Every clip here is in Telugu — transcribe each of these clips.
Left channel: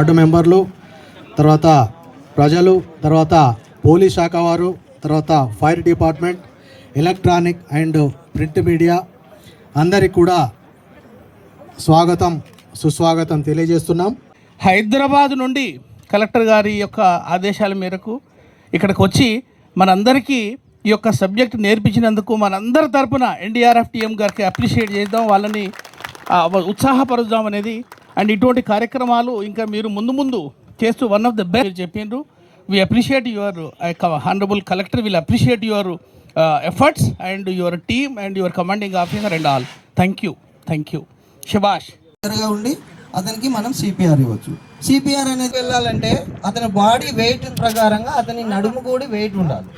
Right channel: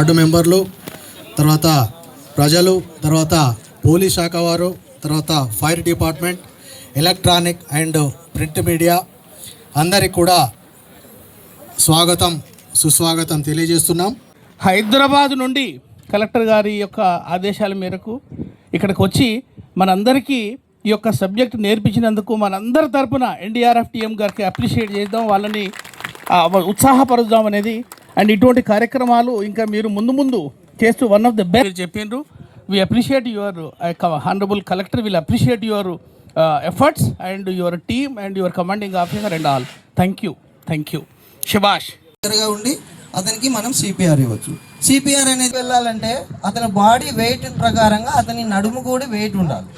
వార్డు మెంబర్లు, తర్వాత ప్రజలు, తర్వాత పోలీస్ శాఖ వారు, తర్వాత fire department, electronic and print media అందరికి కూడా స్వాగతం సుస్వాగతం తెలియజేస్తున్నాం. హైదరాబాద్ నుండి కలెక్టర్ గారి యొక్క ఆదేశాల మేరకు ఇక్కడికి వచ్చి మనందరికీ ఈ యొక్క సబ్జెక్ట్ నేర్పించినందుకు మనందరి తరపున ఎన్డీఆర్ఎఫ్ టీఎం గారికి అప్రిషియేట్ చేద్దాం, వాళ్ళని ఉత్సాహపరుద్దాం అనేది. అండ్ ఇటువంటి కార్యక్రమాలు ఇంకా మీరు ముందు ముందు చేస్తూ వన్ ఆఫ్ ద బెస్ట్ చెప్పిండ్రు. We appreciate your honourable collector will appreciate your efforts and your team and your commanding officer and all. Thank you. శభాష్. ఉండి అతనికి మనం సిపిఆర్ ఇవ్వచ్చు. సిపిఆర్ అనేది వెళ్ళాలంటే అతని బాడీ వెయిట్ ప్రకారంగా అతని నడుము కూడా వెయిట్ ఉండాలి.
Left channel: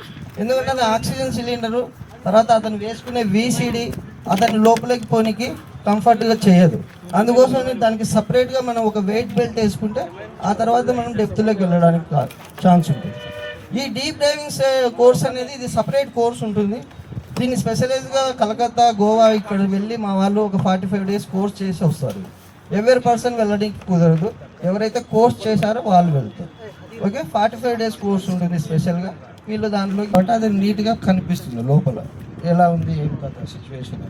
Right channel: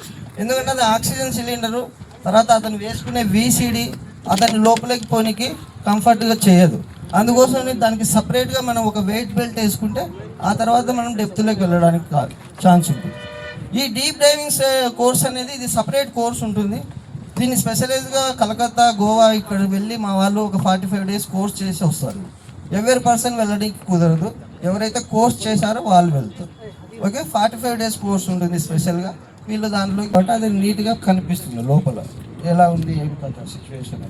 ఎందుకంటే అది ఆక్సిజన్ సిలిండరు, తర్వాత అతను వేసుకునే విసిడి అతని లోపలికి పోనీకి కంఫర్ట్గా చేయదు. అందుకోసం దానికి సపరేట్గా మనం ఒక వెయిట్ బెల్ట్ వేసుకుంటే ఆ తర్వాత మనం డెప్త్లోకి వెళ్ళడానికి ఛాన్స్ ఉంటుంది. ఈ డీప్ డైవింగ్ కోర్స్ అనేది ఇది సపరేట్ కోర్స్ ఉంటుంది. దీన్ని స్పెషలైజ్గా కలకత్తా, గోవా ఇక్కడ వెళ్ళి మా వాళ్ళు ఒక 45 days కోర్స్ చేసి వస్తారు. ఎవరి పర్సన్ వెళ్ళడానికి కుదరదు, ఎవరైతే కోర్స్ చేశారో వాళ్ళు వెళ్తారు. ఓకే, 45 days కోర్స్ ఉంటుంది స్పెషల్గా. వీళ్ళు దాంట్లో బట్ అది నీట్గా కనిపిస్తుంది లోపల ఎలా ఉంది ఏం కదా సిచ్యువేషన్.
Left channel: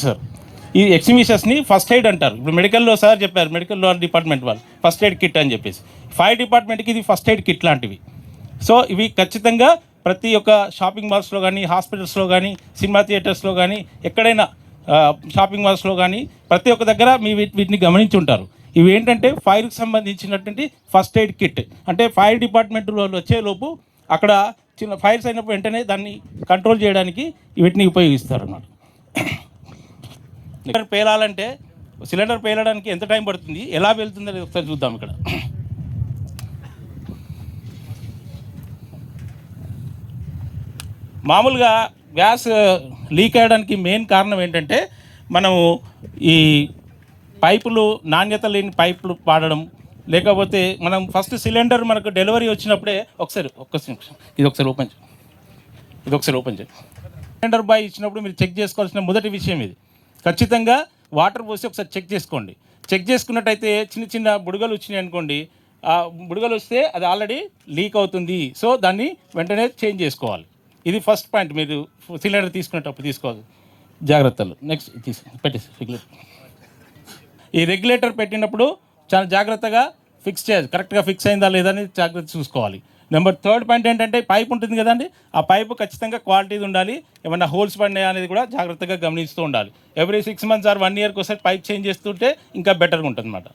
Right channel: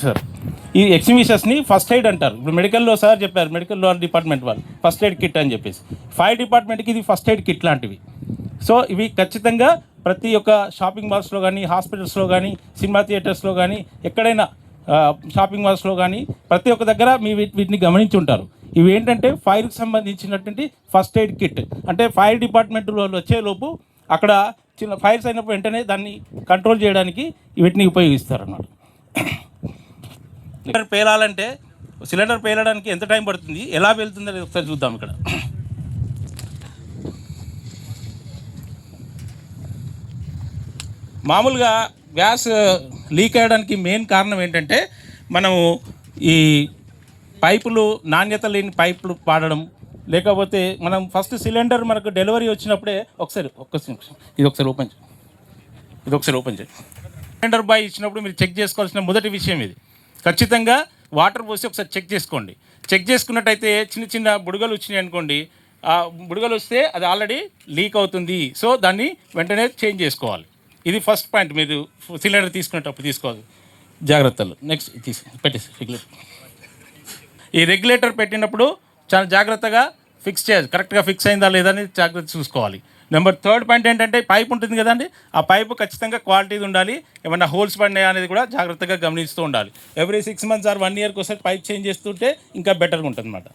సార్ ఈ ఎక్సిబిషన్స్ని ఫస్ట్ ఎయిడ్ అంటారు. ఇప్పుడు మెడికల్లో సార్ చెప్పారు, మెడికల్ డిపార్ట్మెంట్ వాళ్ళు ఫస్ట్ ఎయిడ్ కిట్ అని చెప్పేసి, ఫైర్ డిపార్ట్మెంట్కి ఇది ఫస్ట్ ఎయిడ్ కిట్ లాంటివి. సో ఇవి ఖచ్చితంగా ప్రతి ఒక్క షాపింగ్ మాల్స్లో కానీ, హాస్పిటల్స్లో కానీ, సినిమా థియేటర్స్లో కానీ, ఎక్కడైనా షాపింగ్ మాల్స్లో కానీ ప్రతి ఒక్క దగ్గర వీటిని గమనించి ఉంటారు. ఇవి ఏంటంటే ఫైర్కి సంబంధించినటువంటి ఫస్ట్ ఎయిడ్ కిట్. అంటే ఫైర్ డిపార్ట్మెంట్ వాళ్ళు వచ్చేలోపు అక్కడ చిన్న ఫైర్స్ అయినప్పుడు వెంటనే దాన్ని కంట్రోల్ చేయడానికి వీటిని ఉపయోగిస్తారు అన్నమాట. పేలాలంటే సిలిండర్ పేలడానికి ఎంత టైం పడుతుంది, ఎలా వెళ్తుంది అనేది ఒకసారి చూద్దాం. ఇక్కడ మామూలుగా గ్యాస్ లీక్ అయ్యడానికి మెయిన్ కారణం ఏంటంటే మనము ఈ పైపులు నాణ్యత లేని పైపులు వాడడం, లేకపోతే మనం ఫస్ట్ సిలిండర్ మనకు డెలివరీ వచ్చినప్పుడే ఇది ఒకసారి ఓపెన్ చేయి. సిలిండర్ బాయ్ ఇచ్చినప్పుడు మీరు చెక్ చేసుకోవాల్సిన మొదటి విషయం ఇది. ఖచ్చితంగా వాటర్ పోసి ఒకసారి చెక్ చేసుకోండి. చెక్ చేసుకున్నట్టయితే చిన్న చిన్న బుడగలు వచ్చినాయి అనుకోండి, ఆ బుడగలు వస్తే అది ఆల్రెడీ లీక్ అవుతుంది. సో దాన్ని వెంటనే చేంజ్ చేసుకోవాలి. ఇది ఫస్ట్ పాయింట్. మీరు సిలిండర్ తీసుకునేటప్పుడు తీసుకోవాలి జాగ్రత్తలు. నెక్స్ట్ పెట్టేసి ఈ రెగ్యులేటర్ పెట్టినప్పుడు చాలా జాగ్రత్తగా ఫిక్స్ చేయాలి. కరెక్ట్గా ఫిక్స్ అయిందా లేదా అని జాగ్రత్త చూసుకోవాలి. నెంబర్ 3rd పాయింట్ ఏంటంటే పైప్ ఉంటుంది కదండి, ఆ పైపు ఖచ్చితంగా క్వాలిటీది ఉండాలి. ఏమన్నా హోల్స్ పడినాయా అనేది కూడా జాగ్రత్తగా గమనిస్తూ ఉండాలి. ఎవ్రీ 6 months ఆర్ 1 yearకి ఒకసారి పైప్ చేంజ్ చేస్తుంటే ఇంకా బెటర్గా ఉంటుంది అన్నమాట.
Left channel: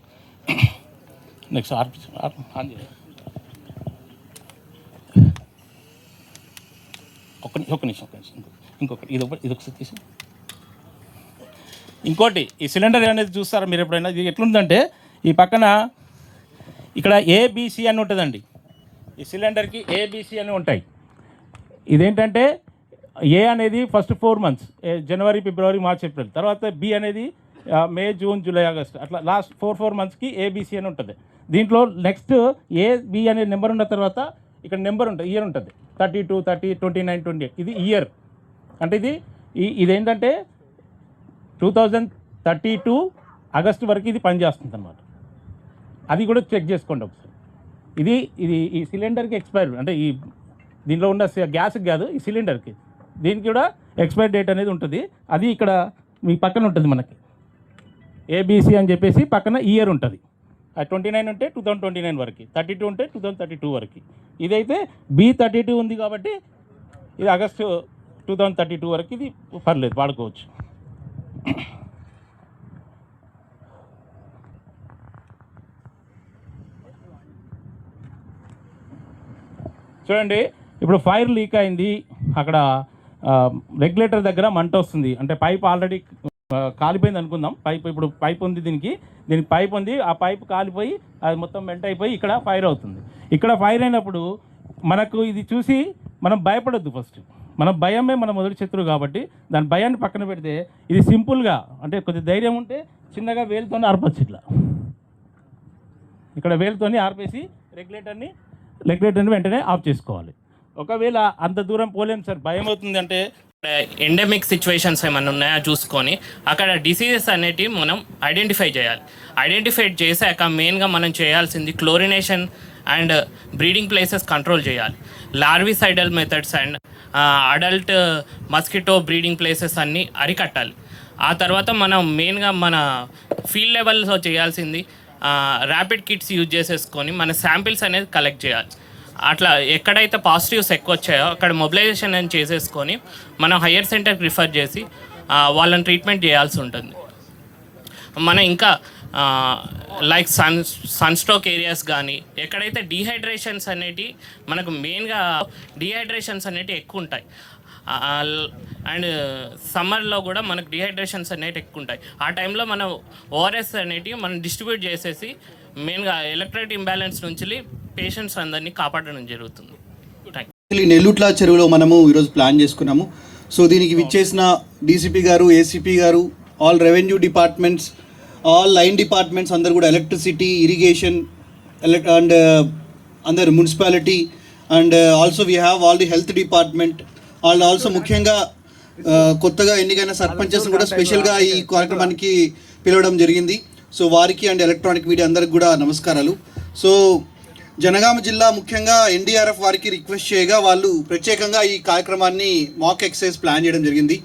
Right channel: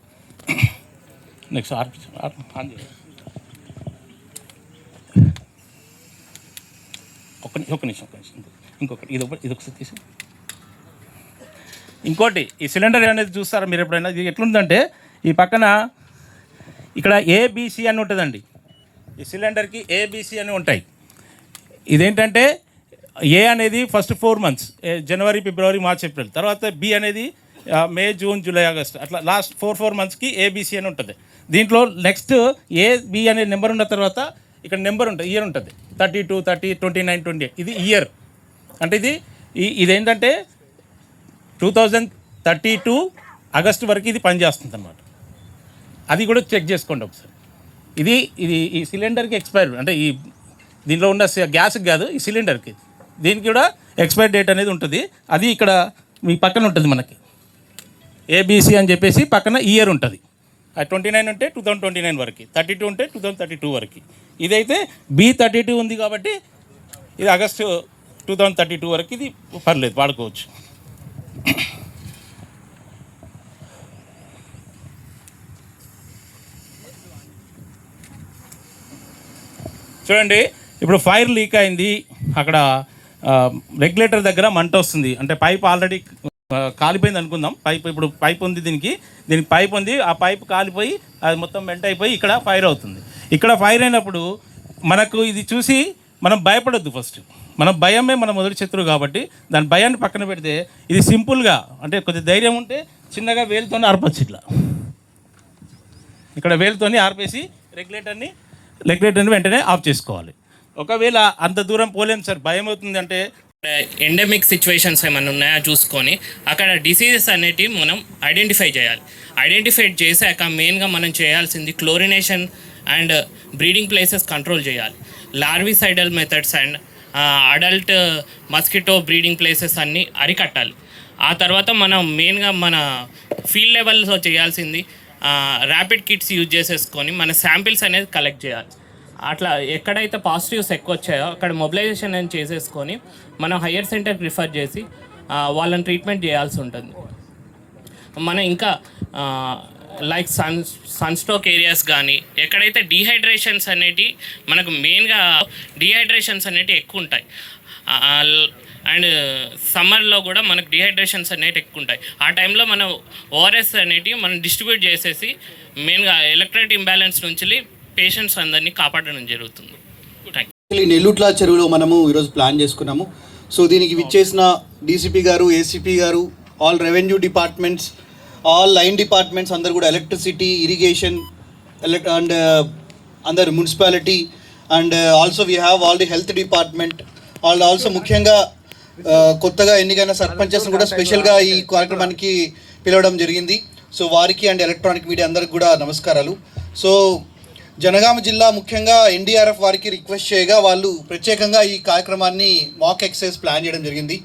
నెక్స్ట్ ఆన్ చేయాలి. ఒక నిమిషం ఇంకొకటి ఇది ఒకసారి తీసి ఇంకోటి ఈ సిలిండర్ అనేది చూస్తారా మీరు ఎప్పుడైనా? ఇది ఎట్లుందంటే ఈ పక్కన ఇక్కడ ఏబిసి అని ఉంటుందండి. ఈ సిలిండర్కి ఏబిసి అని ఉంటాయి. ఇదేంటంటే ఏ అనేది ఫస్ట్ 4 months, జనవరి, ఫిబ్రవరి, మార్చ్, ఏప్రిల్. తర్వాత బి అనేది మే, జూన్, జూలై, ఆగస్ట్, అట్లా లాస్ట్ 4 monthsకి ఏబిసి అని ఉంటుంది. దీంట్లో నెక్స్ట్ ఏ బి అనే నెంబర్ ఉన్న తర్వాత ఇక్కడ నెంబర్ ఉంటుంది, ఇయర్ ఉంటుంది. 32, 30, 29, 28 ఇది ఇయర్. అంటే ఇదేంటంటే 2032 ఆగస్టు వరకు ఇది పనిచేస్తుంది అన్నమాట. అది కూడా చెక్ చేసుకోండి ఒకసారి. ఇది ఈ సిలిండర్కి ఎక్స్పైర్, అంటే ఈ దీనిలో ఉన్న గ్యాస్కి కాదు, ఈ సిలిండర్కి, దీనికి కూడా ఎక్స్పైర్ డేట్ అనేది ఉంటుంది. అది ఇక్కడ మీ పక్కన ఉంటుంది మనకి ఏబిసి అని చెప్పేసి పక్కన ఇయర్ ఉంటుంది. 29 ఉంటే 2029 వరకు, 32 ఉంటే 2032 వరకు. ఇదైతే B32 ఉంది కాబట్టి ఇది ఆగస్టు 2032 వరకు ఇది పర్లేదు, వాడుకోవచ్చు. చూడండి, ఇప్పుడు ఫైర్ లీక్ అయింది, అక్కడ రెగ్యులేటర్ దగ్గర మంట వస్తుంది. అంటే పైప్ ఆల్రెడీ కాలిపోయింది అనుకుందాం. ఇప్పుడు పైప్ ఉంది, దీనికి పైప్ ఉంది, ఆ పైప్ కాలిపోయి అది మొత్తం మెంట్ అయిపోయి ఇక్కడ ఫైర్ అవుతుంది. ఇక్కడ ఫైర్ అయినప్పుడు మనకు ఇది చూసి మనం భయపడొద్దు. ఫస్ట్ మన భయమే మన మొదటి శత్రువు కాబట్టి దాని భయాన్ని పక్కన పెడితే ఇది సింపుల్గా, అంటే కొద్దిగా ధైర్యం ఉంటే చిన్నగా వేలుతోనే ఆర్పచ్చు. ఇట్లా ఇక్కడ వేలుతోని ఆర్పేసి రెగ్యులేటర్ని రెగ్యులేటర్ని వెంటనే ఆఫ్ చేసుకోవాలి. ఒకవేళ అంత దూరం పోలేం సార్, భయం అవుతుంది అంటే ఎండమిక్ సిచ్యువేషన్స్ ఏమైనా ఉన్నాయో చూసుకొని అక్కడ డిసీజెస్ అనేటివి మనం ఐడెంటిఫై చేయాలి. ఐడెంటిఫై చేశాక మెయిన్గా మనం చేయాల్సింది chlorination and breeding places control చేయాలి. Larvicidal methods and adult mosquito breeding places అన్నీ అరికట్టాలి. ఆ తర్వాత మనం మెయిన్గా మన ఫీల్డ్ లెవెల్లో చేయాల్సింది ర్యాపిడ్ కిట్స్ యూజ్ చేసేసుకొని మన శాంపిల్స్ అనేది కలెక్ట్ చేయాలి. అట్లా ఎక్కడైతే పాజిటివ్స్ ఎక్కువ వచ్చాయో అక్కడ మొబిలైజేషన్ అని చేసేసుకొని మనం హయ్యర్ సెంటర్కి రిఫర్ చేసి వాళ్ళని ట్రీట్మెంట్ చేయాల్సి ఉంటుంది. మనం ఇంకా లైక్ సన్స్ట్రోక్ ఏరియాస్ కానీ ఎక్కడైతే డీహైడ్రేషన్స్ అనేటివి మనకు మెయిన్గా డీహైడ్రేషన్స్ అనేటివి ఎక్కువ ఉంటాయి. అండ్ సమ్మర్లో కూడా మనకు డిహైడ్రేషన్స్ అనేవి ఎక్కువ ఉంటాయి. ఆ టైంలో మనం ఓఆర్ఎస్ అనేటివి మనం డిస్ట్రిబ్యూట్ చేసేసి మెయిన్గా ఎలక్ట్రోలైట్ ఇంబ్యాలెన్స్ నుంచి పేషెంట్స్ అందరినీ కాపాడడం జరుగుతుంది. నెల్లుట్ల చెరువులో మనము ఈరోజు ప్లాన్ చేసుకున్నాము. సో దీనికి విచ్చేసిన డీసీపీ గారు, ఏసీపీ గారు, all revenue departments, all line departments అందరు కూడా, ఎలక్ట్రిసిటీ, ఇరిగేషన్ అండ్ అందరు municipality and also we have all the health department వాళ్ళు ఆల్సో ముఖ్యంగా కొత్తగా ఎన్నికైన సర్పంచెస్ కూడా స్పెషల్గా ఈ కార్యక్రమానికి పిలవడం జరిగింది. సో వారికి అండ్ ఎలక్ట్రానిక్ మీడియా అందరికి కూడా నమస్కారాలు. సో జనగామ జిల్లా ముఖ్యంగా ఎన్డీఆర్ఎఫ్ వారికి రిక్వెస్ట్ చేయగా వాళ్ళు ప్రత్యేకంగా ఈ కార్యక్రమాన్ని మాక్ ఎక్సర్సైజ్ ప్లాన్ చేయడం జరిగింది.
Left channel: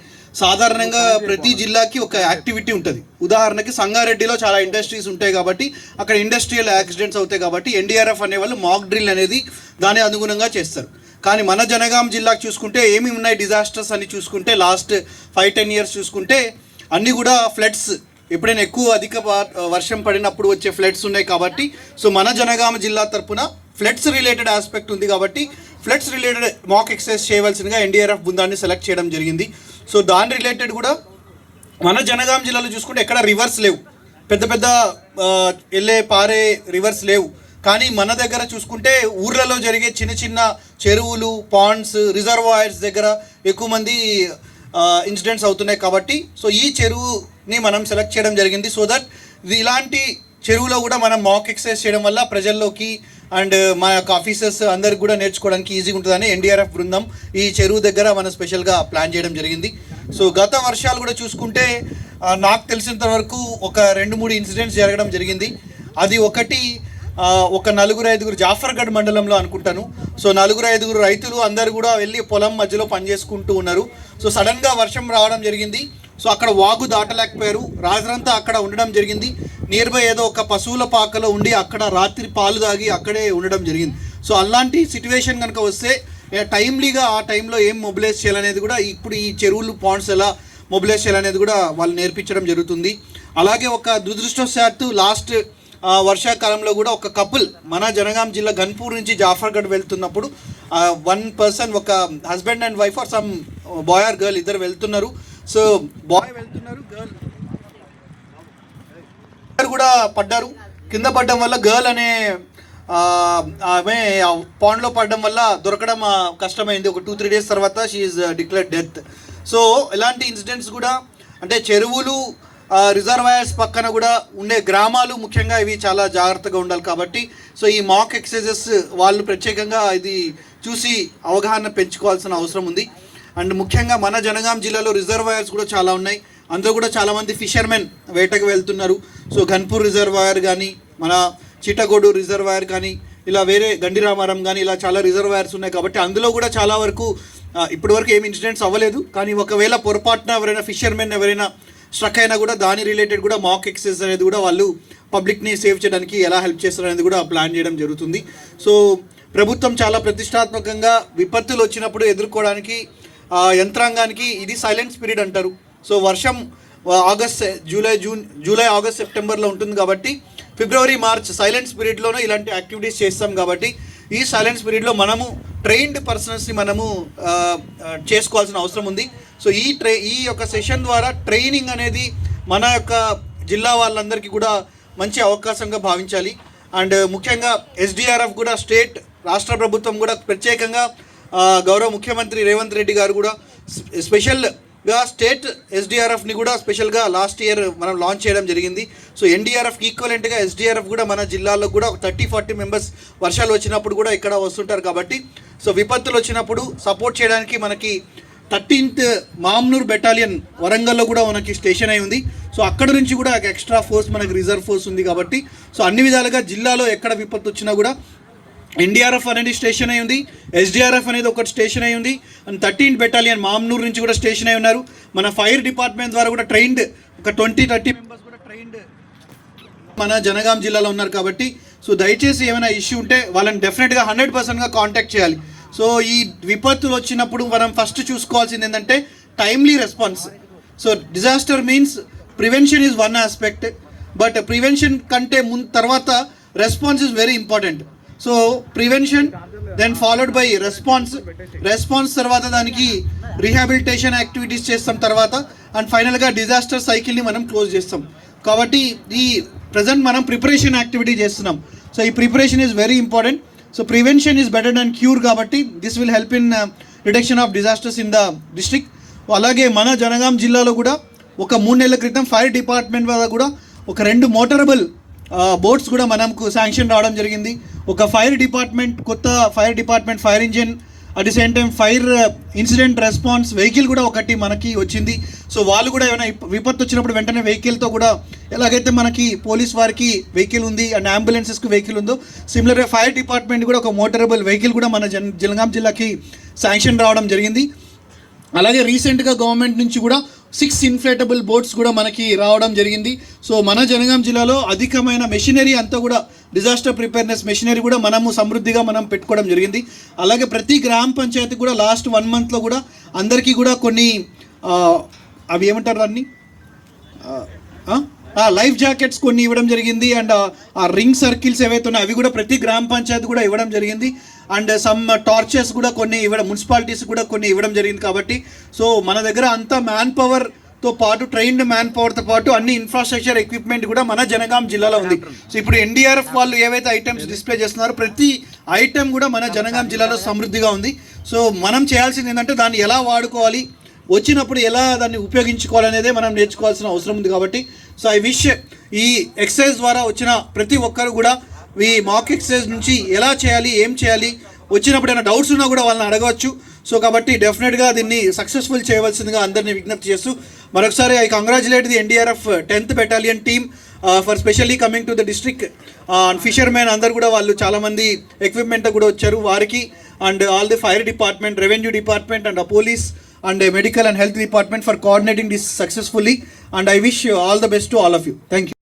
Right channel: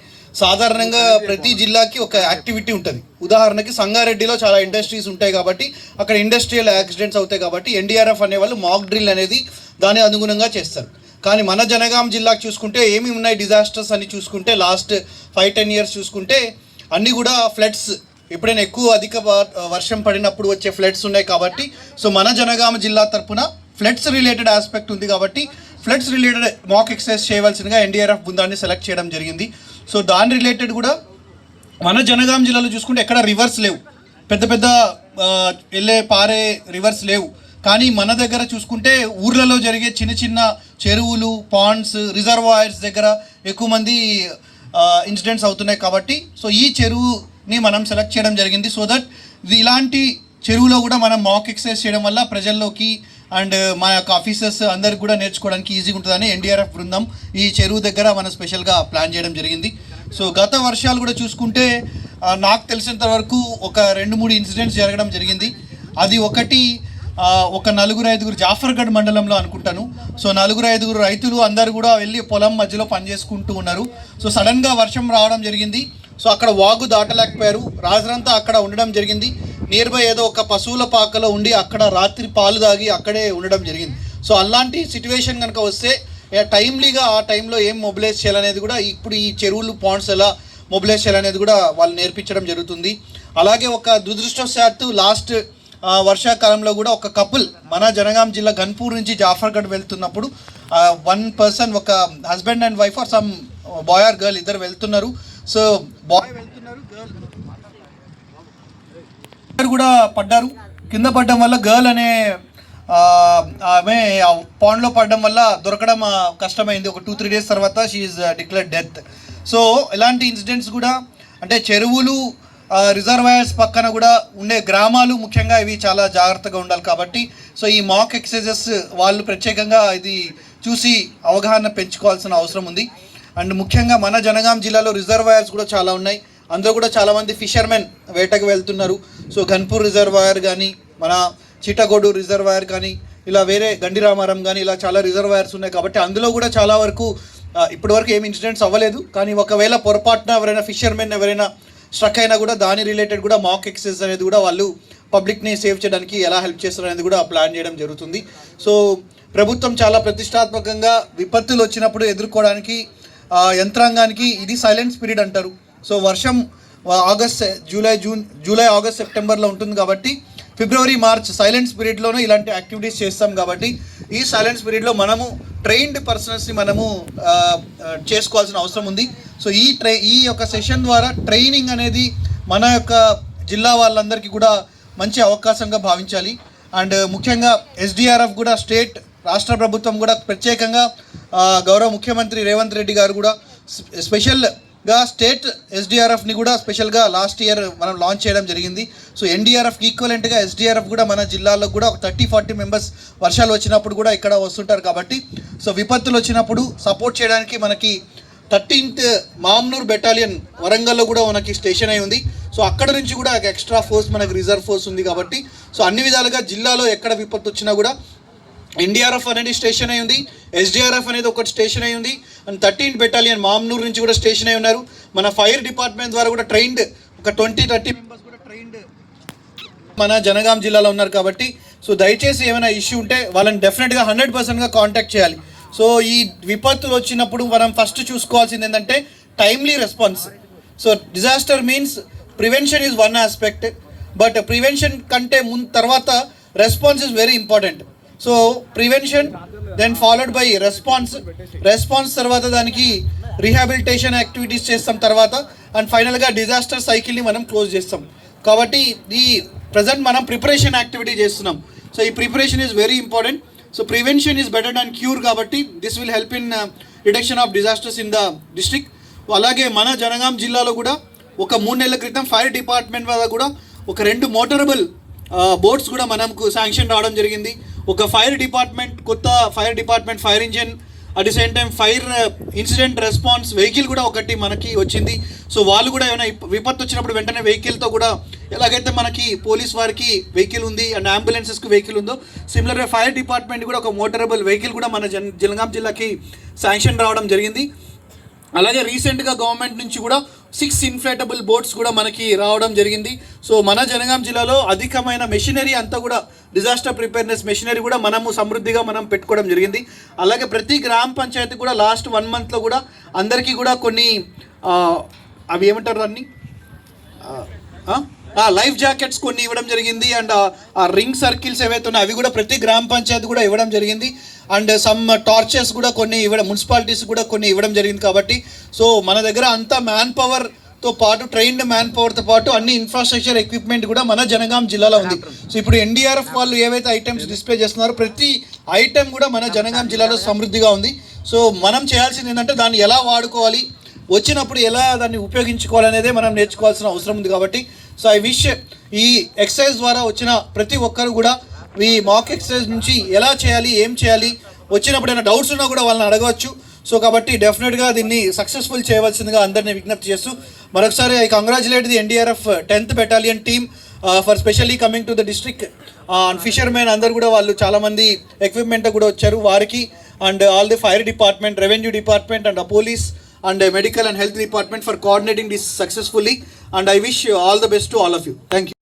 సాధారణంగా ప్రతి జిల్లాకి ఒక యాక్టివిటీ ఉంటుంది. ఉదాహరణకి సంగారెడ్డిలో చాలా ఇండస్ట్రీస్ ఉంటాయి కాబట్టి అక్కడ ఇండస్ట్రియల్ యాక్సిడెంట్స్ అవుతాయి కాబట్టి ఎన్డీఆర్ఎఫ్ అనేవాళ్ళు మాక్ డ్రిల్ అనేది దాని అనుగుణంగా చేస్తారు. కానీ మన జనగాం జిల్లాకు చూసుకుంటే ఏమి ఉన్నాయి డిజాస్టర్స్ అని చూసుకుంటే లాస్ట్ 5-10 ఇయర్స్ చూసుకుంటే అన్నీ కూడా ఫ్లడ్స్, ఎప్పుడైనా అధిక వర్షం పడినప్పుడు వచ్చే ఫ్లడ్స్ ఉన్నాయి కాబట్టి సో మన జనగామ జిల్లా తరఫున ఫ్లడ్స్ రిలేటెడ్ ఆస్పెక్ట్ ఉంది కాబట్టి ఫ్లడ్స్ రిలేటెడ్ మాక్ ఎక్సర్సైజ్ చేయవలసిందిగా ఎన్డీఆర్ఎఫ్ బృందాన్ని సెలెక్ట్ చేయడం జరిగింది. సో దాని రిలేటెడ్ కూడా మన జనగాం జిల్లాలో చూసుకుంటే ఎక్కడ రివర్స్ లేవు, పెద్ద పెద్ద పారే రివర్స్ లేవు. కానీ మన దగ్గర చూసుకుంటే ఊర్లలో జరిగే చిన్న చిన్న చెరువులు, పాండ్స్, రిజర్వాయర్స్ దగ్గర ఎక్కువ మంది ఇన్సిడెంట్స్ అవుతున్నాయి కాబట్టి సో ఈ చెరువుని మనం సెలెక్ట్ చేయడం జరిగింది. సో దట్ ఇలాంటి చెరువులో కూడా మనం మాక్ ఎక్సర్సైజ్ చేయడం వల్ల ప్రజల్లోకి అండ్ మా యొక్క ఆఫీసర్స్ అందరికి కూడా నేర్చుకోవడానికి ఈజీగా ఉంటుందని ఎన్డీఆర్ఎఫ్ బృందం ఈ చెరువు దగ్గర మనం స్పెషల్గా ప్లాన్ చేయడం జరిగింది. సో గత వర్షాలు కూడా చూసుకుంటే నాకు తెలిసినంత వరకు ఒక 2-3 ఇన్సిడెంట్స్ జరగడం జరిగింది. అది ఒక 4-5 జాఫర్గఢ్ మండలంలో అనుకుంటాను. సో 4-5 రైతులు అందరు కూడా వెళ్ళి పొలం మధ్యలో పనిచేసుకుంటూ ఉన్నారు. సో సడన్గా వర్షం రావడం జరిగింది. సో అక్కడ వాగు దాటలేకపోయారు, రాత్రంతా అక్కడ ఉండడం జరిగింది. నియర్ బై ఏదో ఒక పశువుల పాకలో ఉండి అక్కడ రాత్రి పాలు తాగి అక్కడే ఉండడం జరిగింది. సో అలాంటి సిచ్యువేషన్ కనుక వస్తే టైమ్లీగా ఆ టైంలో ఏం మొబిలైజ్ చేయాలనేది కూడా ఇప్పుడు ఈ చెరువులు, పాండ్స్ ఎలా మొబిలైజ్ చేయాలనేది కూడా వాళ్ళు నేర్పించడం జరుగుతుంది. అలాగే ఒక దురదృష్టవశాత్తు లాస్ట్ వర్షాకాలంలో కూడా ఒక కపుల్ మన జనగాం జిల్లా గన్పూర్ నుంచి జాఫర్గఢ్ వెళ్తున్నప్పుడు one person, ఒక husband and wife or some boy or girl, ఇద్దరు వెళ్తున్నారు. సో బాయ్ వెళ్తున్నారు, గర్ల్ కూడా పడ్డారు. కింద పడడం వల్ల గర్ల్ అనే ఆమె పాండ్లో పడడం వల్ల దొరకడం కష్టమైంది. ఒక 2-3 days తర్వాత she is declared death. So ఇలాంటి ఇన్సిడెంట్స్ కూడా అంటే చెరువులు, రిజర్వాయర్స్ పక్కన కూడా ఉండే గ్రామాలు ముఖ్యంగా ఇవి చాలా జాగ్రత్తగా ఉండాలి కాబట్టి సో ఈ మాక్ ఎక్సర్సైజెస్ వాళ్ళు ప్రత్యేకంగా ఇది చూసి అవగాహన పెంచుకోవాల్సిన అవసరం ఉంది. అండ్ ముఖ్యంగా మన జనగాం జిల్లాలో రిజర్వాయర్స్ కూడా చాలా ఉన్నాయి. అందులో కూడా చాలామంది ఫిషర్మెన్ వేటకు వెళ్తున్నారు. సో గన్పూర్ రిజర్వాయర్ కానీ, మన చిట్టగోడు రిజర్వాయర్ కానీ, ఇలా వేరే గండిరామారం కానీ ఇలా చాలా రిజర్వాయర్స్ ఉన్నాయి కాబట్టి అందులో కూడా చాలా వరకు ఇప్పటివరకు ఏమి ఇన్సిడెంట్స్ అవ్వలేదు. కానీ ఒకవేళ పొరపాటున ఎవరైనా ఫిషర్మెన్ ఎవరైనా స్ట్రక్ అయినా కూడా దాని రిలేటెడ్ కూడా మాక్ ఎక్సర్సైజ్ అనేది కూడా వాళ్ళు పబ్లిక్ని సేవ్ చేయడానికి ఎలా హెల్ప్ చేస్తారు అనేది కూడా ప్లాన్ చేయడం జరుగుతుంది. సో ప్రభుత్వం చాలా ప్రతిష్టాత్మకంగా విపత్తులు వచ్చినప్పుడు ఎదుర్కోవడానికి యంత్రాంగానికి ఇది సైలెంట్ పీరియడ్ అంటారు. సో వర్షం జూలై, ఆగస్ట్, సెప్టెంబర్లో ఉంటుంది కాబట్టి ఫిబ్రవరి, మార్చ్ సైలెంట్ పీరియడ్లోనే ఇలాంటి యాక్టివిటీస్ చేస్తాం కాబట్టి ఈ సైలెంట్ పీరియడ్లో మనము ట్రైన్డ్ పర్సన్స్ని మనము చేసుకోవాల్సిన అవసరం ఉంది. సో ఈ యొక్క సెషన్ ద్వారా ట్రైనింగ్ అనేది మన యొక్క జిల్లా వాళ్ళందరికీ కూడా మంచి అవకాశంగా భావించాలి. అండ్ ముఖ్యంగా ఎస్డిఆర్ఎఫ్ కూడా రాష్ట్ర ప్రభుత్వం కూడా ప్రత్యేకంగా గౌరవ ముఖ్యమంత్రి రేవంత్ రెడ్డి గారు కూడా స్పెషల్ గా స్టేట్ ఎస్డిఆర్ఎఫ్ని కూడా స్పెషల్గా లాస్ట్ ఇయర్ మనం లాంచ్ చేయడం జరిగింది. సో ఎన్డీఆర్ఎఫ్కి ఈక్వలెంట్గా ఎస్డిఆర్ఎఫ్ కూడా మన జిల్లాలో కూడా ఒక 30-40 మెంబర్స్ వర్షాలు వచ్చినప్పుడు కూడా ఇక్కడ వస్తుంటారు. కాబట్టి సో విపత్తులు వచ్చినప్పుడు సపోర్ట్ చేయడానికి మనకి 13th మామ్నూర్ బెటాలియన్ వరంగల్లో కూడా మనకి స్టేషన్ అయి ఉంది. సో అక్కడ నుంచి కూడా ఎక్స్ట్రా ఫోర్స్ మనకి రిజర్వ్ ఫోర్స్ ఉంది. కాబట్టి సో అన్ని విధాలుగా జిల్లాలో ఎక్కడ విపత్తు వచ్చినా కూడా ఎన్డీఆర్ఎఫ్ అనేది స్టేషన్ అయి ఉంది, ఎస్డిఆర్ఎఫ్ అనేది ఒకటి స్టేషన్ అయి ఉంది, అండ్ 13th బెటాలియన్ మామ్నూర్ నుంచి కూడా స్టేషన్ అయి ఉన్నారు. మన ఫైర్ డిపార్ట్మెంట్ ద్వారా కూడా ట్రైన్డ్ ఒక 20-30 మెంబర్స్ కూడా ట్రైన్డ్ మన జనగాం జిల్లాలో ఉన్నారు. కాబట్టి సో దయచేసి ఏమైనా ఇష్యూ ఉంటే వాళ్ళని డెఫినెట్గా 100%గా కాంటాక్ట్ చేయాలి. సో ఈ విపత్తులు వచ్చినప్పుడు మనం ఫస్ట్ చూసుకోవాల్సింది ఏంటంటే timely response. So disaster means prevention is one aspect, but prevention కంటే తర్వాత response is very important. So prevention then followed by response తర్వాత దానికి రీహాబిలిటేషన్ యాక్టివిటీస్ చేస్తాం తర్వాత, అండ్ ఫైనల్గా డిజాస్టర్ సైకిల్ని మనం క్లోజ్ చేస్తాం. కాబట్టి ఈ ప్రజెంట్ మనం ప్రిపరేషన్ యాక్టివిటీ చేస్తున్నాం. సో ఈ preparation is very important. So prevention is better than cure. కాబట్టి this will help in reduction of disasters in the district. అలాగే మన జనగాం జిల్లాలో కూడా ఒక 3 నెలల క్రితం ఫైర్ డిపార్ట్మెంట్ వల్ల కూడా ఒక 2 మోటరబుల్ బోట్స్ కూడా మనకు శాంక్షన్ రావడం జరిగింది. ఒక కొత్త fire department fire engine, at the same time fire incident response vehicle కూడా ఒకటి మనకి వచ్చింది. సో వాళ్ళు కూడా ఏమైనా విపత్తు వచ్చినప్పుడు వెంటనే వెహికల్తో కూడా ఎలాగైతే మనకి పోలీస్ వారికి వెహికల్ ఉంది అండ్ అంబులెన్సెస్కి వెహికల్ ఉందో, సిమిలర్గా ఫైర్ డిపార్ట్మెంట్ కూడా ఒక మోటరబుల్ వెహికల్ కూడా మన జనగాం జిల్లాకి శాంక్షన్ రావడం జరిగింది. అలాగే రీసెంట్గా గవర్నమెంట్ నుంచి కూడా 6 ఇన్ఫ్లేటబుల్ బోట్స్ కూడా మనకి రావడం జరిగింది. సో మన జనగాం జిల్లాలో అధికమైన మెషినరీ అంతా కూడా డిజాస్టర్ ప్రిపేర్నెస్ మెషినరీ కూడా మనము సమృద్ధిగా మనం పెట్టుకోవడం జరిగింది. అలాగే ప్రతి గ్రామ పంచాయతీ కూడా లాస్ట్ 1 మంత్లో కూడా అందరికీ కూడా కొన్ని అవి ఏమంటారు అన్నీ లైఫ్ జాకెట్స్ కొన్ని ఇవ్వడం జరిగింది. అండ్ ఆ రింగ్ సర్కిల్స్ ఏవైతే ఉన్నాయో అవి కూడా ప్రతి గ్రామ పంచాయతీ కూడా ఇవ్వడం జరిగింది. అండ్ సమ్ టార్చర్స్ కూడా కొన్ని ఇవ్వడం, మున్సిపాలిటీస్ కూడా కొన్ని ఇవ్వడం జరిగింది. కాబట్టి సో మన దగ్గర అంతా మ్యాన్ పవర్తో పాటు ట్రైన్డ్ మ్యాన్ పవర్తో పాటు అన్ని ఇన్ఫ్రాస్ట్రక్చర్ ఎక్విప్మెంట్ కూడా మన జనగాం జిల్లాలో ఉంది. సో ఇప్పుడు ఎన్డీఆర్ఎఫ్ వాళ్ళు ఏవైతే ఐటమ్స్ డిస్ప్లే చేస్తున్నారో ప్రతి ఐటమ్ కూడా మన జనగాం జిల్లాలో సమృద్ధిగా ఉంది. సో మనం చేయాల్సింది ఏంటంటే దాన్ని ఎలా వాడుకోవాలి, వచ్చినప్పుడు ఎలా దాన్ని ఉపయోగించుకోవాలనేదే మనం నేర్చుకోవాల్సిన అవసరం ఉంది. కాబట్టి సో ఐ విష్ ఈ ఎక్సర్సైజ్ ద్వారా వచ్చిన ప్రతి ఒక్కరు కూడా ఈ మాక్ ఎక్సర్సైజ్ నుంచి ఎలా చేయాలి, ఏం చేయాలి, వచ్చినప్పుడు ఏమైనా డౌట్స్ ఉన్నా కూడా వాళ్ళని అడగవచ్చు. సో కాబట్టి డెఫినెట్గా దీన్ని సక్సెస్ఫుల్ చేయవలసిందిగా అందరినీ విజ్ఞప్తి చేస్తూ మరొకసారి I congratulate the NDRF 10th battalion team for specially coming to the district. Fishermen అందరు కూడా వాళ్ళు చాలామంది ఎక్విప్మెంట్ కూడా వచ్చారు వారికి, and all the fire department, revenue department and police and medical and health department for coordinating this successfully, and I wish all the best to all of you. Thank you.